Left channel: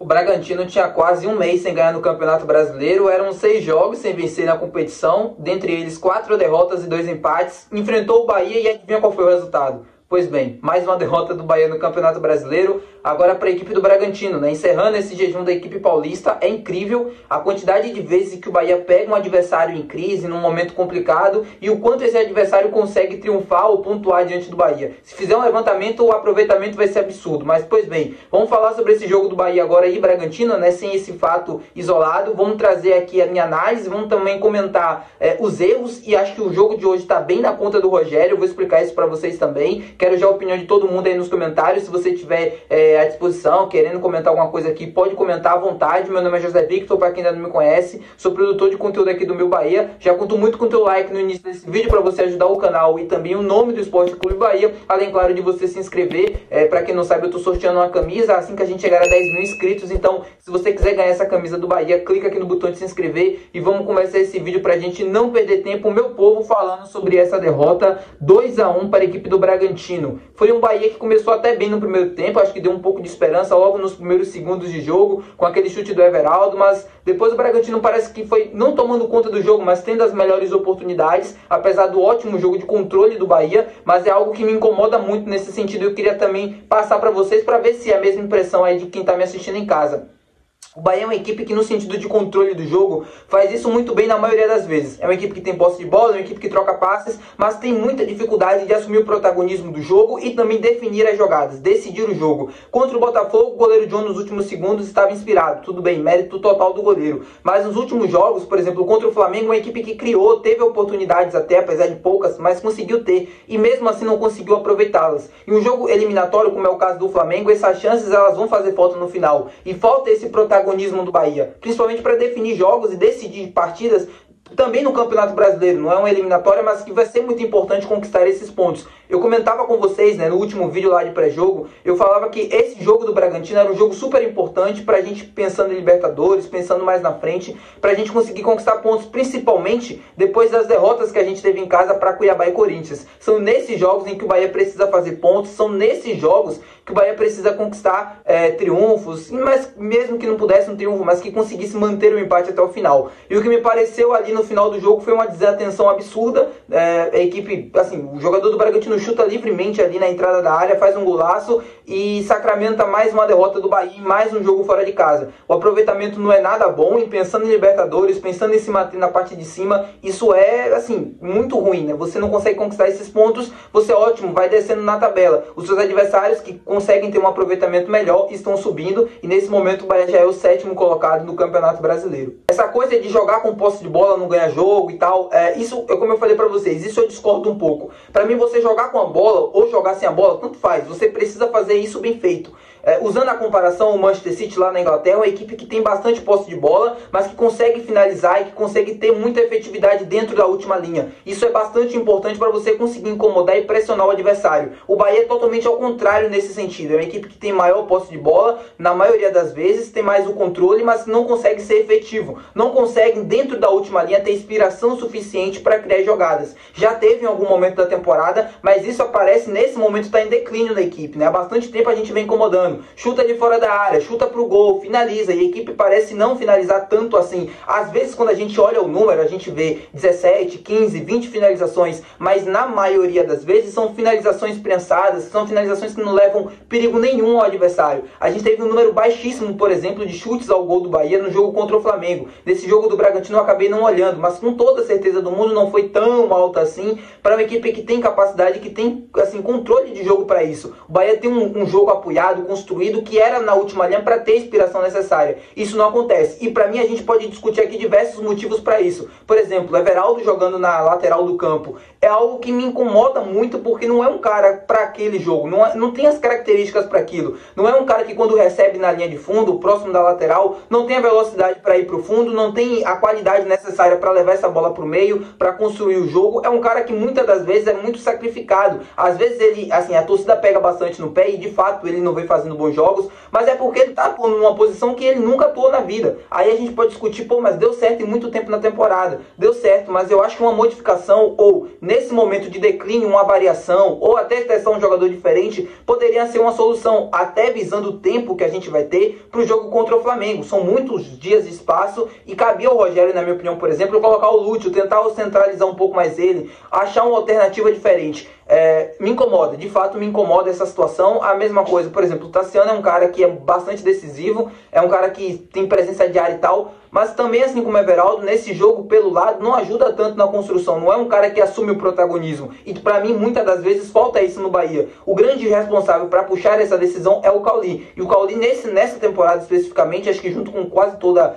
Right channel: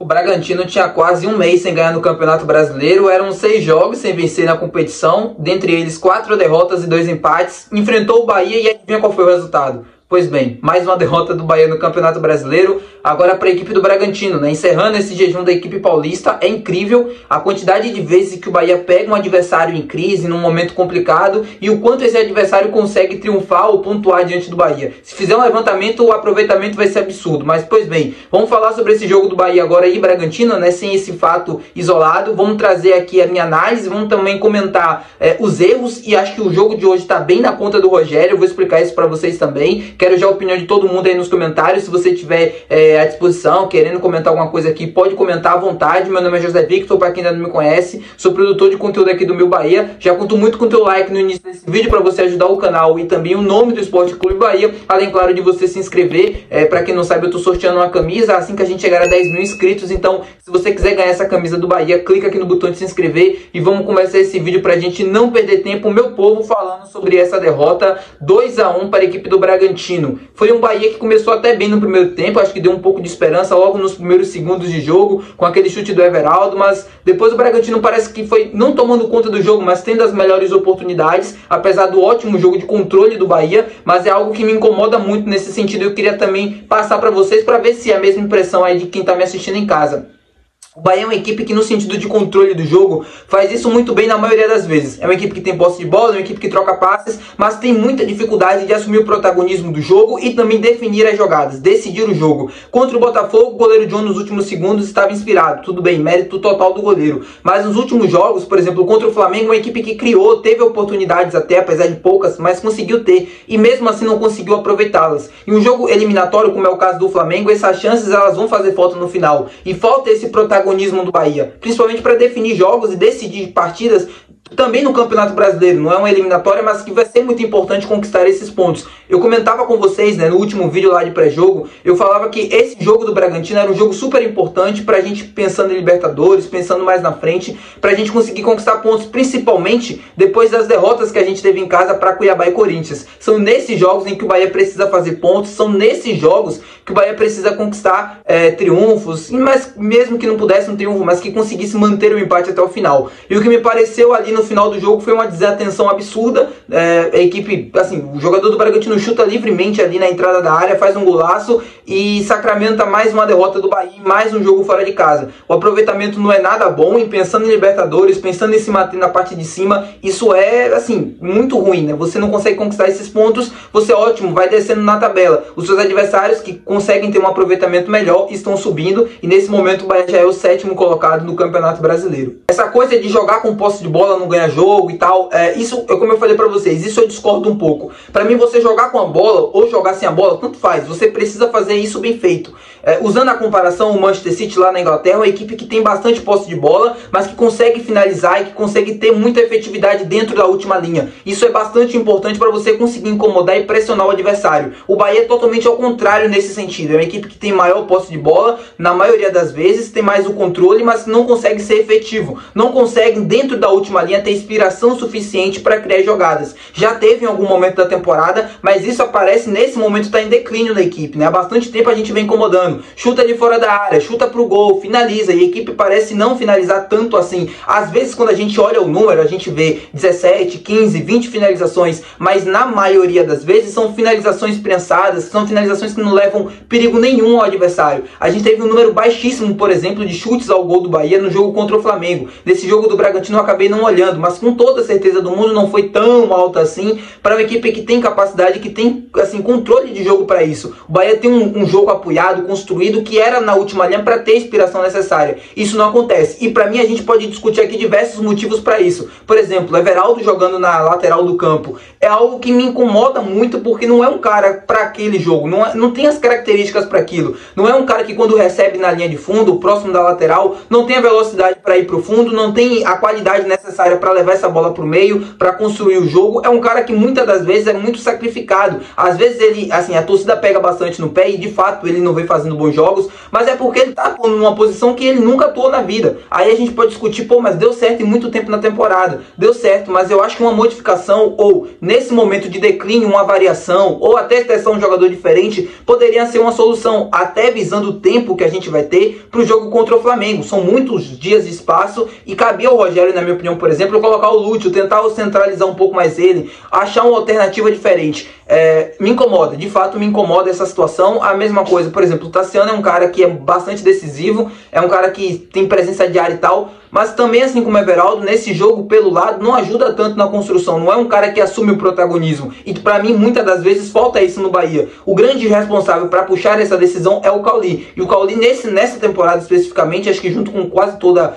O Bragantino tinha quase um mês sem ganhar no Campeonato Brasileiro, eram 6 jogos sem vencer na competição, dentre eles 4 derrotas e 2 empates, enfrentou o Bahia e adivinha qual foi o resultado? Pois bem, mais uma derrota do Bahia no Campeonato Brasileiro, agora para a equipe do Bragantino, né? Encerrando esse jejum da equipe paulista. É incrível a quantidade de vezes que o Bahia pega um adversário em crise, num momento complicado, e o quanto esse adversário consegue triunfar ou pontuar diante do Bahia. Se fizer um levantamento, o aproveitamento vai ser absurdo. Mas, pois bem, vamos falar sobre esse jogo do Bahia agora e Bragantino, né? Sem esse fato isolado. Vamos trazer aqui a minha análise, vamos também comentar os erros, e acho que o jogo de hoje está bem na conta do Rogério. Eu vou explicar isso para vocês também. Quero já a opinião de todo mundo aí nos comentários. Se você tiver à disposição, querendo comentar alguma coisa aqui, pode comentar à vontade. Meu nome é José Victor, para quem ainda não me conhece, sou produtor de conteúdo aqui do Meu Bahia. Já conto muito com o teu like no início desse vídeo para você ajudar o canal e também o nome do Esporte Clube Bahia, além, claro, de você se inscrever. Para quem não sabe, eu tô sorteando uma camisa assim que a gente chegar a 10 mil inscritos. Então, se você quiser ganhar essa camisa do Bahia, clica aqui no botão de se inscrever e vamos começar esse vídeo pra gente não perder tempo. Meu povo, falando sobre essa derrota 2-1 para a equipe do Bragantino. Foi um Bahia que começou até bem no primeiro tempo, acho que deu um pouco de esperança logo nos primeiros segundos de jogo, com aquele chute do Everaldo, mas depois o Bragantino parece que foi não tomando conta do jogo, mas tendo as melhores oportunidades, apesar do ótimo jogo de controle do Bahia. Mas é algo que me incomoda muito nesse sentido. Eu queria também passar para vocês, para ver se é a mesma impressão aí de quem está me assistindo em casa. O Bahia é uma equipe que, no sentido de controle do jogo, faz isso muito bem na maioria das vezes. É uma equipe que tem posse de bola, é uma equipe que troca passes, mas tem muita dificuldade de assumir o protagonismo do jogo e também definir as jogadas, decidir o jogo. Contra o Botafogo, o goleiro John nos últimos segundos estava inspirado. Tudo bem, mérito total do goleiro. Mas nos últimos jogos, por exemplo, contra o Flamengo, uma equipe que criou, teve oportunidades até, apesar de poucas, mas conseguiu ter. E mesmo assim não conseguiu aproveitá-las. Em um jogo eliminatório, como é o caso do Flamengo, essas chances elas vão fazer falta no final. E falta esse protagonismo do Bahia, principalmente para definir jogos e decidir partidas também no Campeonato Brasileiro. Não é uma eliminatória, mas que vai ser muito importante conquistar esses pontos. Eu comentava com vocês, né, no último vídeo lá de pré-jogo, eu falava que esse jogo do Bragantino era um jogo super importante pra gente, pensando em Libertadores, pensando mais na frente, pra gente conseguir conquistar pontos, principalmente depois das derrotas que a gente teve em casa para Cuiabá e Corinthians. São nesses jogos em que o Bahia precisa fazer pontos, são nesses jogos que o Bahia precisa conquistar triunfos, mas mesmo que não pudesse um triunfo, mas que conseguisse manter o empate até o final. E o que me pareceu ali no final do jogo foi uma desatenção absurda. A equipe, assim, o jogador do Bragantino chuta livremente ali na entrada da área, faz um golaço e sacramenta mais uma derrota do Bahia, mais um jogo fora de casa. O aproveitamento não é nada bom, e pensando em Libertadores, pensando em se manter na parte de cima, isso é, assim, muito ruim, né? Você não consegue conquistar esses pontos, você, ótimo, vai descendo na tabela. Os seus adversários que conseguem ter um aproveitamento melhor estão subindo, e nesse momento o Bahia já é o 7º colocado no Campeonato Brasileiro. Essa coisa de jogar com posse de bola, não ganhar jogo e tal, isso, como eu falei pra vocês, isso eu discordo um pouco. Pra mim, você jogar com a bola ou jogar sem a bola, tanto faz. Você precisa fazer isso bem feito. Usando a comparação, o Manchester City lá na Inglaterra é uma equipe que tem bastante posse de bola, mas que consegue finalizar e que consegue ter muita efetividade dentro da última linha. Isso é bastante importante para você conseguir incomodar e pressionar o adversário. O Bahia é totalmente ao contrário nesse sentido. É uma equipe que tem maior posse de bola, na maioria das vezes, tem mais o controle, mas não consegue ser efetivo. Não consegue, dentro da última linha, ter inspiração suficiente para criar jogadas. Já teve em algum momento da temporada, mas isso aparece nesse momento, está em declínio na equipe, né? Há bastante tempo a gente vem incomodando. Chuta de fora da área, chuta pro gol, finaliza, e a equipe parece não finalizar tanto assim. Às vezes, quando a gente olha o número, a gente vê 17, 15, 20 finalizações, mas na maioria das vezes são finalizações prensadas, são finalizações que não levam perigo nenhum ao adversário. A gente teve um número baixíssimo, por exemplo, de chutes ao gol do Bahia no jogo contra o Flamengo. Nesse jogo do Bragantino eu acabei não olhando, mas com toda a certeza do mundo não foi tão alta assim para uma equipe que tem capacidade, que tem, assim, controle de jogo para isso. O Bahia tem um jogo apoiado, construído, que era na última linha para ter a inspiração necessária. Isso não acontece. E para mim a gente pode discutir aqui diversos motivos para isso. Por exemplo, Everaldo jogando na lateral do campo é algo que me incomoda muito, porque não é um cara para aquele jogo, não tem as características para aquilo. Não é um cara que, quando recebe na linha de fundo, próximo da lateral, não tem a velocidade para ir para o fundo, não tem a qualidade necessária área para levar essa bola para o meio, para construir o jogo. É um cara que muitas das vezes é muito sacrificado. Às vezes ele, assim, a torcida pega bastante no pé e de fato ele não vem fazendo bons jogos, mas é porque ele tá atuando numa posição que ele nunca atuou na vida. Aí a gente pode discutir, pô, mas deu certo em muito tempo na temporada. Deu certo, mas eu acho que uma modificação ou nesse momento de declínio, uma variação ou até testar um jogador diferente poderia ser uma solução, até visando o tempo que a gente vai ter para o jogo contra o Flamengo. São muitos dias de espaço e cabia ao Rogério, na minha opinião, por exemplo, colocar o Lúcio, tentar centralizar um pouco mais ele, achar uma alternativa diferente. Me incomoda, de fato me incomoda essa situação. A mesma coisa, por exemplo, o Tassiano é um cara que é bastante decisivo, é um cara que tem presença de área e tal, mas também, assim como o Everaldo, nesse jogo pelo lado não ajuda tanto na construção, não é um cara que assume o protagonismo, e pra mim muitas das vezes falta isso no Bahia. O grande responsável para puxar essa decisão é o Cauli, e o Cauli nessa temporada especificamente, acho que junto com quase toda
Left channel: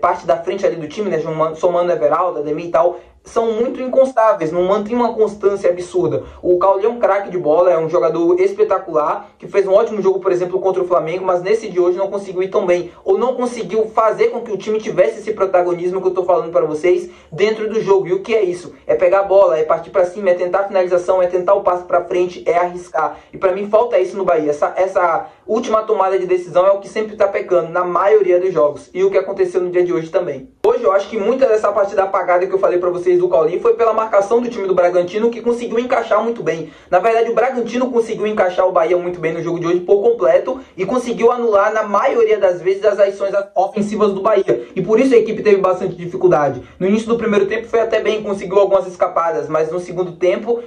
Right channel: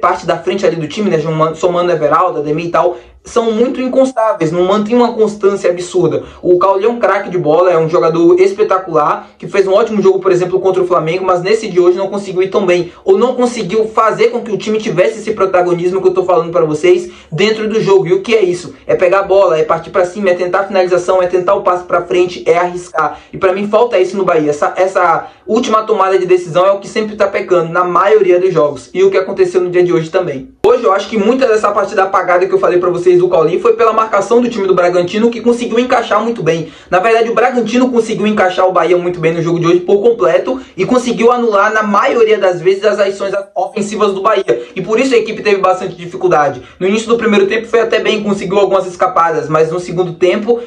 parte da frente ali do time, né, somando Everaldo, Ademir e tal, são muito inconstáveis, não mantém uma constância absurda. O Cauli é um craque de bola, é um jogador espetacular, que fez um ótimo jogo, por exemplo, contra o Flamengo, mas nesse de hoje não conseguiu ir tão bem, ou não conseguiu fazer com que o time tivesse esse protagonismo que eu tô falando para vocês dentro do jogo. E o que é isso? É pegar a bola, é partir para cima, é tentar a finalização, é tentar o passe para frente, é arriscar. E para mim falta isso no Bahia. Essa última tomada de decisão é o que sempre tá pecando na maioria dos jogos. E o que aconteceu no dia de hoje também. Hoje eu acho que muita dessa partida apagada que eu falei para vocês do Cauli foi pela marcação do time do Bragantino, que conseguiu encaixar muito bem. Na verdade, o Bragantino conseguiu encaixar o Bahia muito bem no jogo de hoje por completo e conseguiu anular na maioria das vezes as ações ofensivas do Bahia. E por isso a equipe teve bastante dificuldade. No início do primeiro tempo foi até bem, conseguiu algumas escapadas, mas no segundo tempo,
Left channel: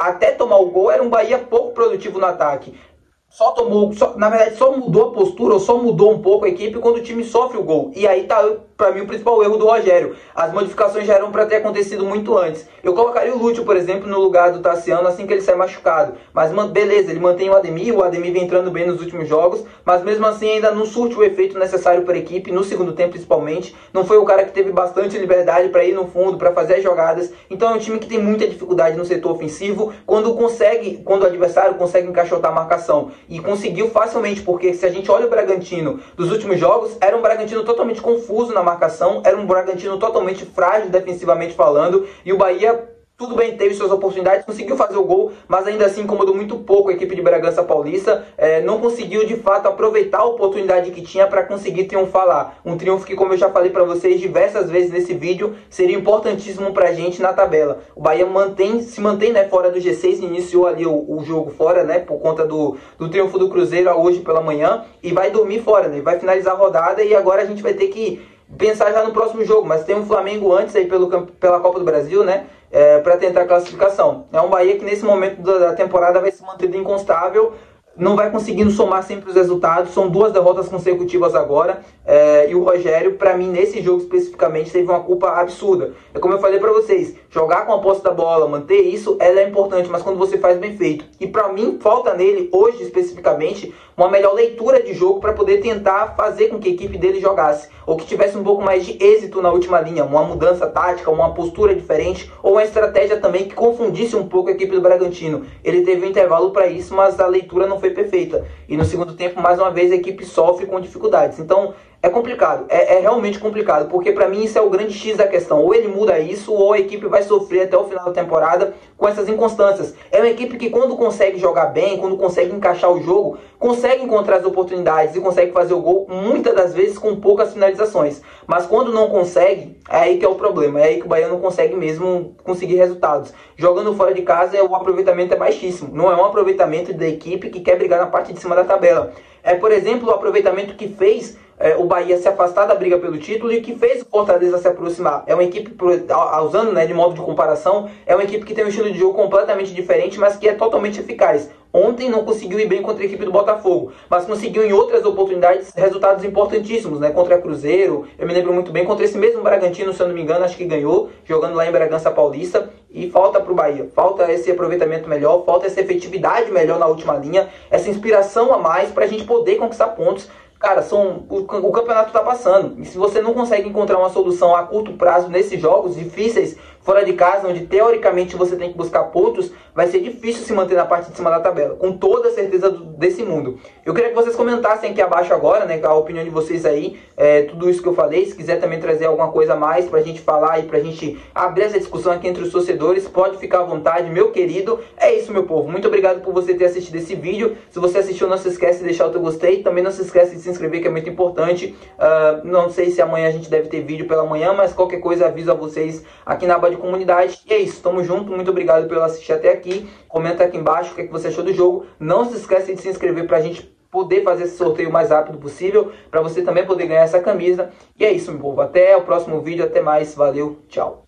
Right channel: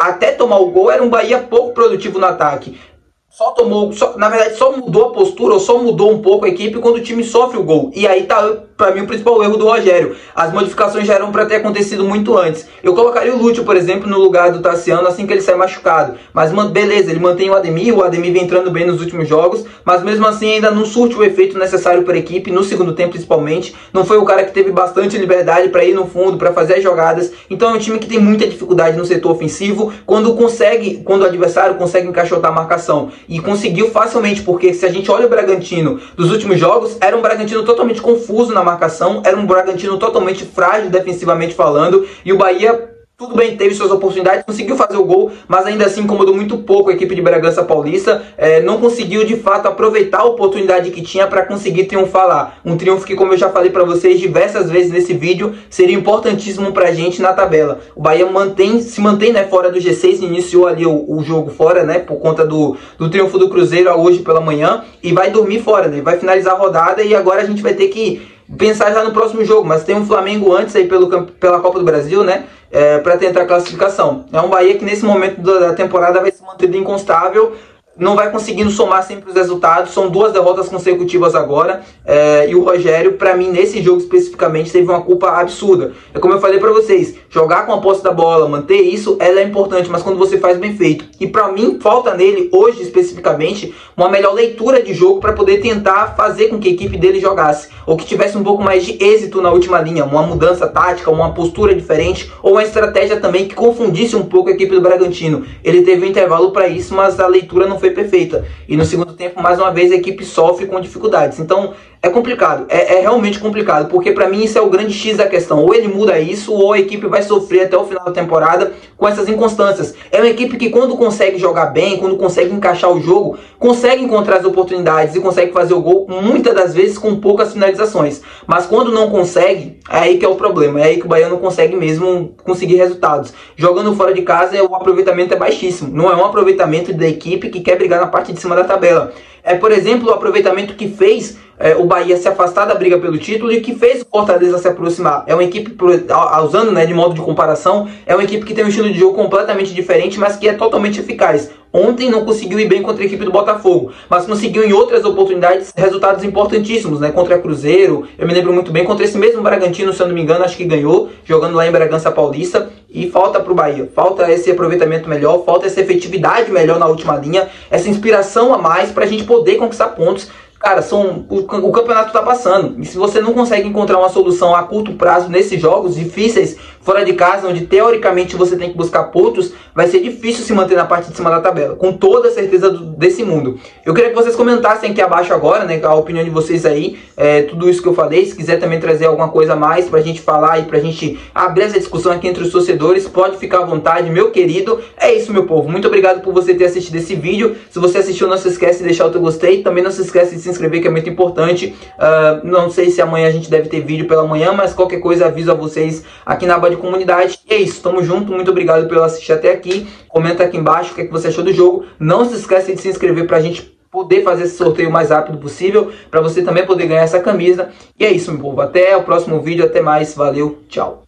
até tomar o gol, era um Bahia pouco produtivo no ataque. Na verdade, só mudou a postura, ou só mudou um pouco a equipe quando o time sofre o gol. E aí tá, pra mim, o principal erro do Rogério. As modificações já eram pra ter acontecido muito antes. Eu colocaria o Lúcio, por exemplo, no lugar do Tassiano assim que ele sai machucado. Mas beleza, ele mantém o Ademir vem entrando bem nos últimos jogos, mas mesmo assim ainda não surte o efeito necessário para a equipe, no segundo tempo principalmente. Não foi o cara que teve bastante liberdade para ir no fundo, para fazer as jogadas. Então é um time que tem muita dificuldade no setor ofensivo, quando o adversário consegue encaixotar a marcação. E conseguiu facilmente, porque se a gente olha o Bragantino dos últimos jogos, era um Bragantino totalmente confuso na marcação, era um Bragantino totalmente frágil defensivamente falando, e o Bahia, tudo bem, teve suas oportunidades, conseguiu fazer o gol, mas ainda assim incomodou muito pouco a equipe de Bragança Paulista, não conseguiu de fato aproveitar a oportunidade que tinha para conseguir triunfar lá. Um triunfo que, como eu já falei para vocês diversas vezes nesse vídeo, seria importantíssimo para a gente na tabela. O Bahia se mantém, né, fora do G6, iniciou ali o jogo fora, né, por conta do triunfo do Cruzeiro hoje pela manhã, e vai dormir fora, né, vai finalizar a rodada, e agora a gente vai ter que pensar já no próximo jogo, mas tem um Flamengo antes aí pela Copa do Brasil, né, para tentar a classificação. É um Bahia que nesse momento da temporada vai se manter inconstável, não vai conseguindo somar sempre os resultados. São 2 derrotas consecutivas agora, e o Rogério, para mim, nesse jogo especificamente, teve uma culpa absurda. É como eu falei para vocês, jogar com a posse da bola, manter isso, ela é importante, mas quando você faz bem feito. E para mim, falta nele, hoje especificamente, uma melhor leitura de jogo para poder tentar fazer com que a equipe dele jogasse, ou que tivesse um pouco mais de êxito na última linha, uma mudança tática, uma postura diferente, ou uma estratégia também que confundisse um pouco a equipe do Bragantino. Ele teve um intervalo para isso, mas a leitura não foi perfeita. E no segundo tempo, mais uma vez, a equipe sofre com dificuldades. Então, é complicado. É realmente complicado, porque para mim isso é o grande X da questão. Ou ele muda isso, ou a equipe vai sofrer até o final da temporada com essas inconstâncias. É uma equipe que, quando consegue jogar bem, quando consegue encaixar o jogo, consegue encontrar as oportunidades e consegue fazer o gol, muitas das vezes com poucas finalizações. Mas quando não consegue, é aí que é o problema. É aí que o Bahia não consegue mesmo conseguir resultados. Jogando fora de casa, o aproveitamento é baixíssimo. Não é um aproveitamento da equipe que quer brigar na parte de cima da tabela. É, por exemplo, o aproveitamento que fez o Bahia se afastar da briga pelo título e que fez o Fortaleza se aproximar. É uma equipe, usando, né, de modo de comparação, é uma equipe que tem um estilo de jogo completamente diferente, mas que é totalmente eficaz. Ontem não conseguiu ir bem contra a equipe do Botafogo, mas conseguiu em outras oportunidades resultados importantíssimos, né? Contra Cruzeiro, eu me lembro muito bem, contra esse mesmo Bragantino, se eu não me engano, acho que ganhou, jogando lá em Bragança Paulista. E falta para o Bahia, falta esse aproveitamento melhor, falta essa efetividade melhor na última linha, essa inspiração a mais para a gente poder conquistar pontos. Cara, o campeonato tá passando. E se você não consegue encontrar uma solução a curto prazo nesses jogos difíceis, Fora de casa, onde teoricamente você tem que buscar pontos, vai ser difícil se manter na parte de cima da tabela, com toda a certeza desse mundo. Eu queria que vocês comentassem aqui abaixo agora, né, a opinião de vocês aí, tudo isso que eu falei. Se quiser também trazer alguma coisa a mais pra gente falar e pra gente abrir essa discussão aqui entre os torcedores, pode ficar à vontade, meu querido. É isso, meu povo. Muito obrigado por você ter assistido esse vídeo. Se você assistiu, não se esquece de deixar o teu gostei. Também não se esquece de se inscrever, que é muito importante. Não sei se amanhã a gente deve ter vídeo pela manhã, mas qualquer coisa aviso a vocês aqui na aba de comunidade. E é isso, tamo junto. Muito obrigado por assistir até aqui. Comenta aqui embaixo o que você achou do jogo. Não se esquece de se inscrever pra gente poder fazer esse sorteio o mais rápido possível, para você também poder ganhar essa camisa. E é isso, meu povo. Até o próximo vídeo. Até mais. Valeu. Tchau.